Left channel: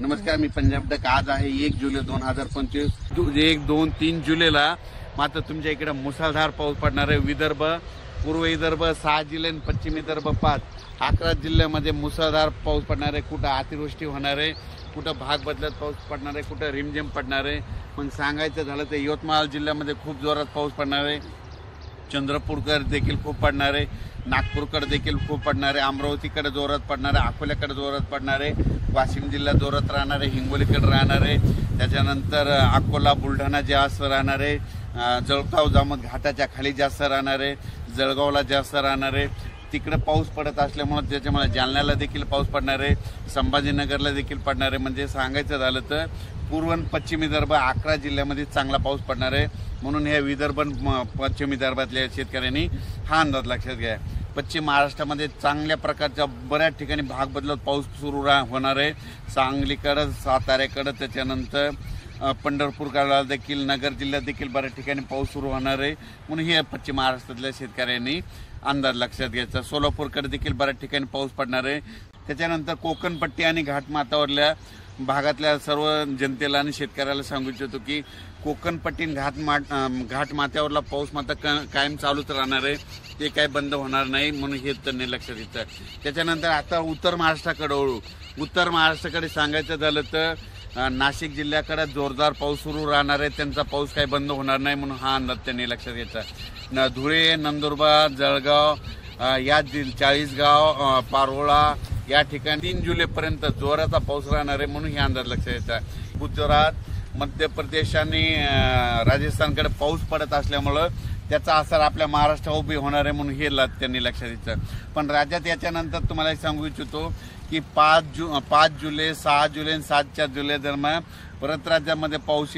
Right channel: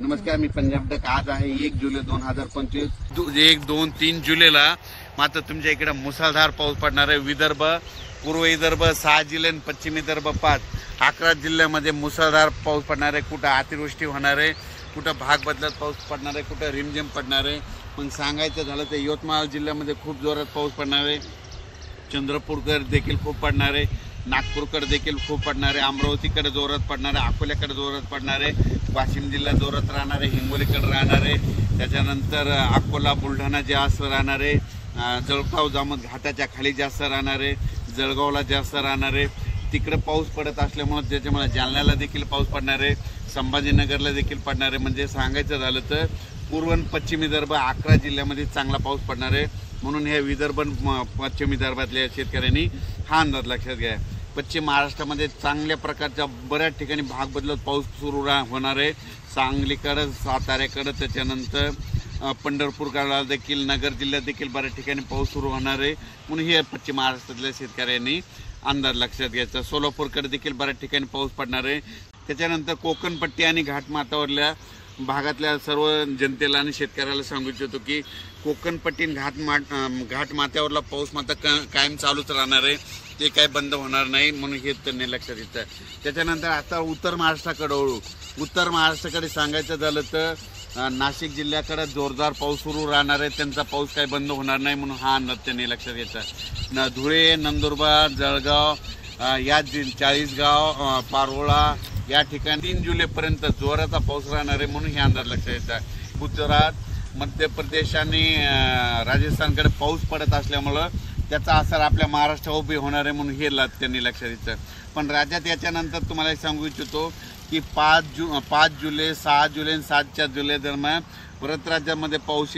नमस्कार, मी पंजाब तक. आज आहे 1 जुलै 2025. 1, 2, 3 जुलैला मात्र तुमच्या इकडे मुसळधार पाऊस पडणार आहे. विदर्भ, पूर्व विदर्भ 6 जिल्हे आणि पश्चिम विदर्भ 5, 11 जिल्ह्यामध्ये मुसळधार पाऊस पडणार आहे. कुठं अतिवृष्टी होणार आहे, कुठं भाग बदलत पाऊस पडणार आहे, कुठं रिमझिम पडणार आहे. पण सांगायचं झालं तर यवतमाळ जिल्ह्यामध्ये खूप जोरात पाऊस पडणार आहे. चंद्रपूरकर देखील खूप पडणार आहे. नागपूरकडे देखील खूप पडणार आहे. अमरावतीकडे जोरात पडणार आहे. अकोल्याकडे जोरात पडणार आहे. वाशिम जिल्हा जोरात राहणार आहे. हिंगोलीकडे राहणार आहे. त्याच्यानंतर अकोला, बुलढाणा जास्त राहणार आहे. जळगाव, जामोद घाटाच्या खाली जास्त राहणार आहे. जळगावला जास्त राहणार आहे. तिकडे पाऊस पडत असल्यामुळे त्याच्यामुळे जालन्याला देखील पाऊस पडणार आहे. संभाजीनगरला देखील पडणार आहे. म्हणजे सांगायचं झालं तर पूर्व आणि पश्चिम विदर्भ 11 जिल्ह्यामध्ये चांगला पाऊस पडणार आहे. म्हणून हे विदर्भ पश्चिम विदर्भातल्या शेतकऱ्यांनी हा अंदाज लक्षात घ्या. पश्चिम महाराष्ट्रामध्ये चांगल्या प्रकारच्या बऱ्याच ठिकाणी भाग बदलत पाऊस सुरू होणार आहे. सांगलीकडं, साताऱ्याकडं, त्याच्यानंतर पंढरपूरकडे देखील, नगर जिल्ह्यात देखील बऱ्याच ठिकाणी पाऊस सुरू होणार आहे. म्हणून हे पश्चिम महाराष्ट्रातल्या शेतकऱ्यांनी अंदाज लक्षात घ्यायचा. सोलापूरकडे देखील बऱ्याच ठिकाणी पाऊस पडणार आहे. त्याच्यानंतर कोकणपट्टी आणि घाटमाथ्यावरल्या भागातल्या सर्व जनतेला आणि शेतकऱ्याला सांगू इच्छितो की कोकणपट्टी घाटमाथ्यावरला पाऊस मात्र कायम चालूच राहणार आहे. ते काय बंद होणार नाही. म्हणून हे त्यांनी लक्षात घेतलं. त्याच्यानंतर आता उत्तर महाराष्ट्राकडे वळू. उत्तर महाराष्ट्राकडे सांगायचं झालं तर नाशिक जिल्ह्याकडे जोरदार पाऊस सुरू राहणार आहे. त्यांचा पाऊस काही बंद होणार नाही. म्हणून हा अंदाज त्यांनी लक्षात घेतला. धुळे, नंदुरबार, जळगाव, या चाळीसगाव, पारोळा या ठिकाणी 3 जुलैपर्यंत जोराचा पाऊस राहणार आहे. म्हणून हे अंदाज लक्षात घेतला. गुजरात, मध्य प्रदेश आणि राजस्थानकडे पाऊस पडत असल्यामुळं त्याचा असर आपल्या महाराष्ट्रावर उभी होणार आहे. म्हणून हे त्यांनी लक्षात घेतलं. पण राज्यात याच्यानंतर तुम्हाला सांगू इच्छितो की 5 जुलै, 6 जुलै आणि 7 जुलै दरम्यान परत राज्यामध्ये पाऊस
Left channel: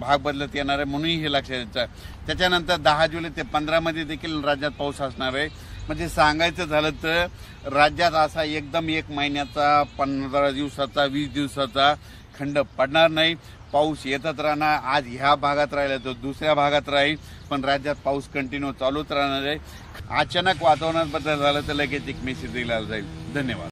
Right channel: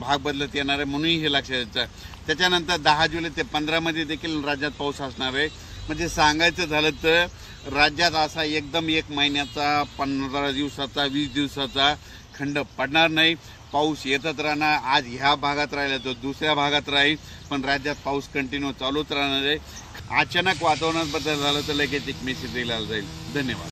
भाग बदलत येणार आहे. म्हणूनही हे लक्षात घ्यायचं. त्याच्यानंतर 10 जुलै ते 15 मध्ये देखील राज्यात पाऊस असणार आहे. म्हणजे सांगायचं झालं तर राज्यात असा एकदम 1 महिन्याचा, 15 दिवसाचा, 20 दिवसाचा खंड पडणार नाही. पाऊस येतच राहणार. आज ह्या भागात राहिला तो दुसऱ्या भागात राहील. पण राज्यात पाऊस कंटिन्यू चालूच राहणार आहे. अचानक वातावरणात बदल झाला तर लगेच एक मेसेज दिला जाईल. धन्यवाद.